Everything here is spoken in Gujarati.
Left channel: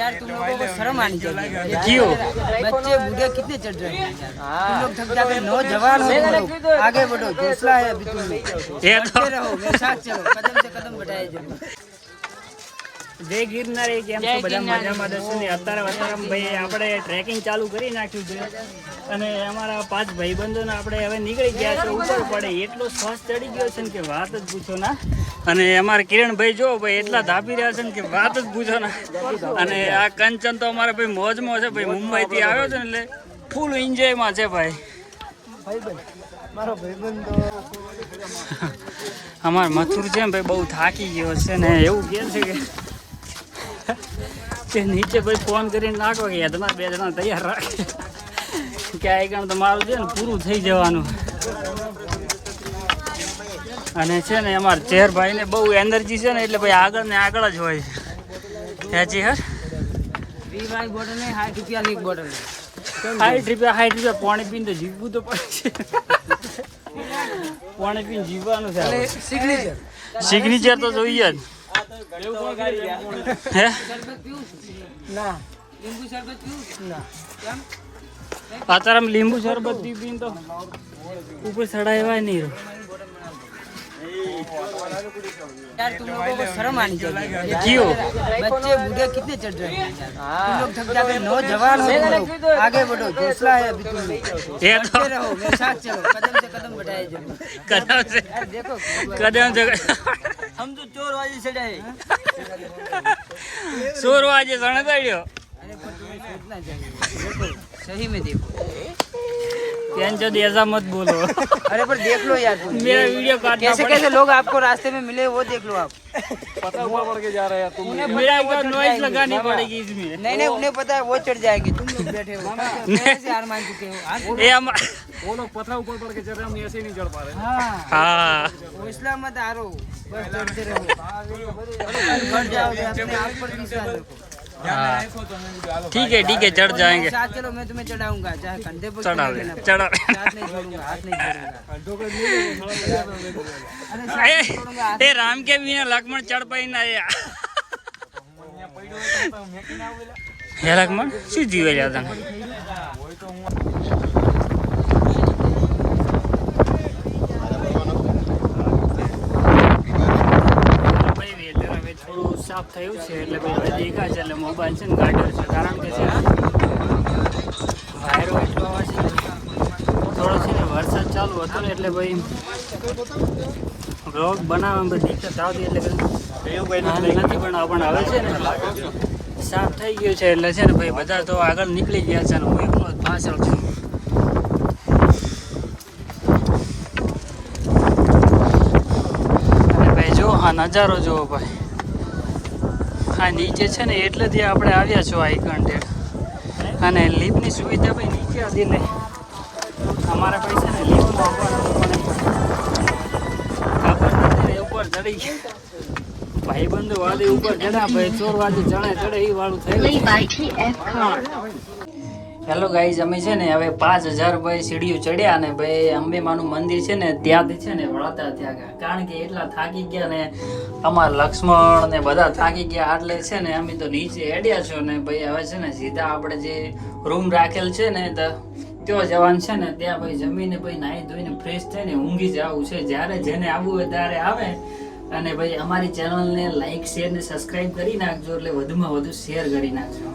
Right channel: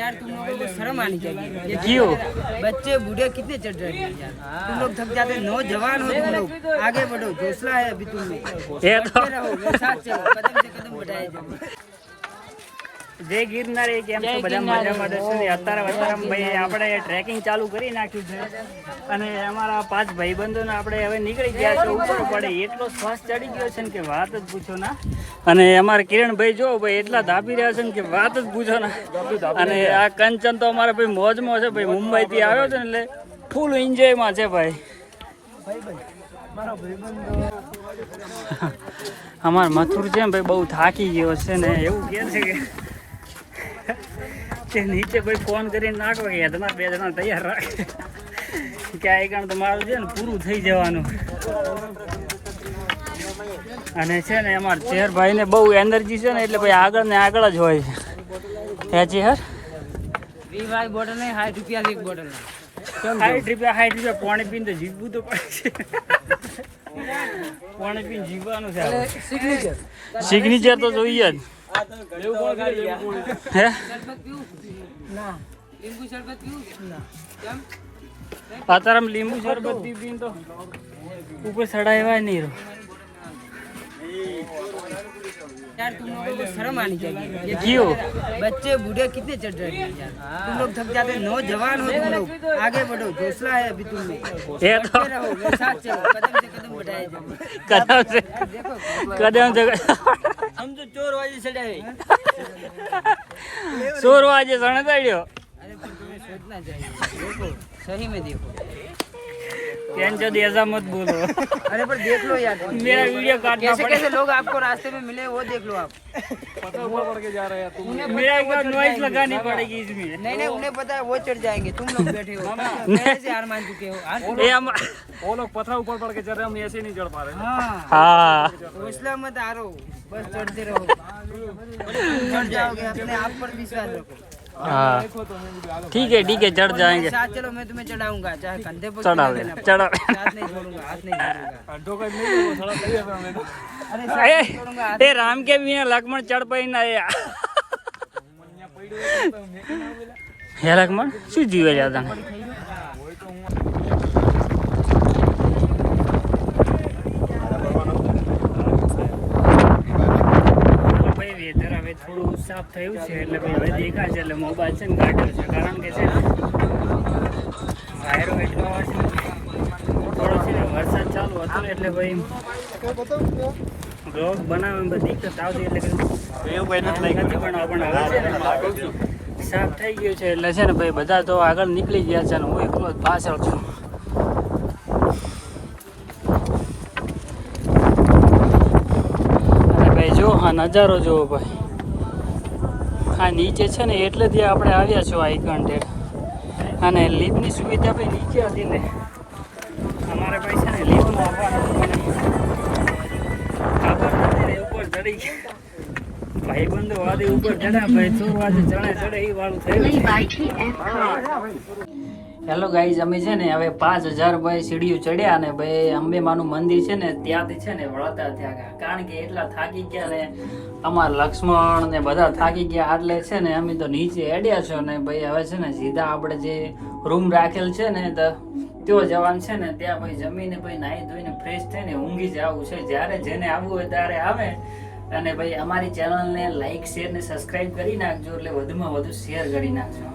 यार तुम लोगों को शर्म आनी चाहिए। क्यों? बच्चे बूढ़े कितने चढ़ रहे हैं यार। तुम लोग थक जाते, नौजवान हो तुम लोग, आगे बढ़ो, हौसला है अभी तुम लोग। ये तो कदम से कदम बढ़ाए जाओ। જય ગિરનાર કેમ છો બધા મજામાં દર્શો ને અત્યારે ભાઈ આપણે ટ્રેકિંગ ચાલુ કરી નાખ્યું છે અને અમારા 5 ભાઈબંધોને આપણે હવે નીકળી ગયા છે ઉપર પડે એટલો શ્વાસ ચડી ગયો છે ને કે વાત જ પૂછો ના અને અમારા કિરણભાઈ જો ભાઈ એટલા ધાપી રહ્યા છે ને કે વાત જ પૂછો ના અને આ કંચન તો અમારા ભાઈ મોજમાં છે ભાઈ મુંબઈથી આવ્યો છે ને એટલે ફૂલ એન્જોયમાં છે ભાઈ અમારા મથુર છે ને ભાઈ બહુ થાકી ગયો છે ને એવું કહે છે કે નીચે ભાઈ ફોન કરીને નાખો કે તમારે 2 જણા તૈયાર રાખે કે આ કારણ તમારું છે ને પૂરું થઈ જવાનું અને છે ને અમારા ચેરભાઈને બહુ એનર્જી છે ને એટલે ભાઈ આગળ ને આગળ જ હોય છે હે ચેર 20 બોટલ નહીં 60 રૂપિયાની એક બોટલ 60 રૂપિયા પાણી પીને તો જીવવું તો પડે છે પાણી પીને જીવવાનું છે સિગ્નેચર તો જોઈએ જ હે લીંબુ શરબત પીવું કેમ અત્યારે લીંબુ શરબત પીને તો ઉપર ચડાવ્યા નહીં રહ્યો यार तुम लोगों को शर्म आनी चाहिए। क्यों? बच्चे बूढ़े कितने चढ़ रहे हैं यार। तुम लोग थक जाते, नौजवान हो तुम लोग, आगे बढ़ो, हौसला है अभी तुम लोग। ये तो कदम से कदम बढ़ाए जाओ। कदम से हम तो चोर वाजे चढ़ाए। चोर वाजे चढ़ा दो अरे पर तुम्हें सोचना चाहिए, सही में देखो। टेंशन ऐसा मत बोलो। अरे पर देख लो यार, मेरा वीडियो काटना कैसे कैसे लोग आपको रास्ते में मिले वो देख लो आप। पता ऊपर पड़ के जा रहे हैं तुम। मेरा एक नॉइज लगानी पड़ेगी इसमें। नहीं उन्हें पता है वो चढ़ जाएंगे, तुम लोग बैठे हो पहले से हार मान चुके हो। वो लोग पत्थर ऊपर पड़ के चढ़ रहे हैं, हम ऐसे नहीं चढ़ पा रहे। हाँ हौसला मत हारो, बस चढ़ते रहो, बढ़ जाओगे, अपने आप पर विश्वास रखो। ठीक है चढ़ जाएंगे। साथ चलो, मैं तुम्हें चढ़ाऊंगा, चाहे कंधे पर चढ़ा हाथ नहीं छोड़ूंगा, हाथ नहीं छोड़ूंगा। ए राम के बिना लक्ष्मण चढ़ पाई ना हे लक्ष्मण शू जीवे जाता થોડું સાફ થયું છે એટલે ભાઈ હવે દેખાય છે એટલે મોબાઈલ છે ને કાઢ્યો છે કારણ કે છે વાયરો એટલો આવે છે થોડો છે ને વરસાદ ચાલુ હતો ને એટલે ભાઈ બ્લોગ બનાવવામાં દિક્કત આવતી એટલે નથી બનાવવા પણ હવે છે ને સાફ થઈ ગયું છે એટલે છે ને ભાઈ બધા તો આગળ નીકળી ગયા છે ને હું એકલો જ પાછળ છું અને ભાઈ જો આ નજારો જુઓ ભાઈ આ નીચે છે ને એટલે જ આપણે આવ્યા છો આઈકન્ટેડ અને લિફ્ટની સુવિધા ભાઈ નીચે હતી નહીં અમારે ભાઈ છે ને લિફ્ટમાં આવવાનું હતું પણ ઉપર ચડી ગયા ભાઈબંધો વાદે ઉપર ચડ્યા ભાઈ ચોર વાદે ચડે એ વાળું થયું હેલો ગાઈઝ અમે છે ને હવે 5000 ભાઈ સીડીઓ ચડ્યા અને ભાઈ અંબેમાનું મંદિર છે ને ત્યાંથી છે ને વળતા ત્યાં ગયા કારણ કે એટલા થાકી ગયા ને અમારા લક્ષ્મણ ને બધા થાકી ગયા એટલે છે ને અમે તો નીચે એડ્યા છો ને ભાઈ હવે છે ને સીધા આપણે જે રૂમ રાખેલ છે ને તો ત્યાં જવાનું છે ને ત્યાં ભાઈ જમીને ભાઈ નાહી ધોઈને ફ્રેશ થઈને ઊંઘી જવું છે જ્યારે જેને આવવું હોય ત્યારે આવે અને ભાઈ અમારી ચેનલને લાઈક શેર ને સબસ્ક્રાઈબ કરી નાખજો એટલે વધુમાં વધુ શેર કરી નાખજો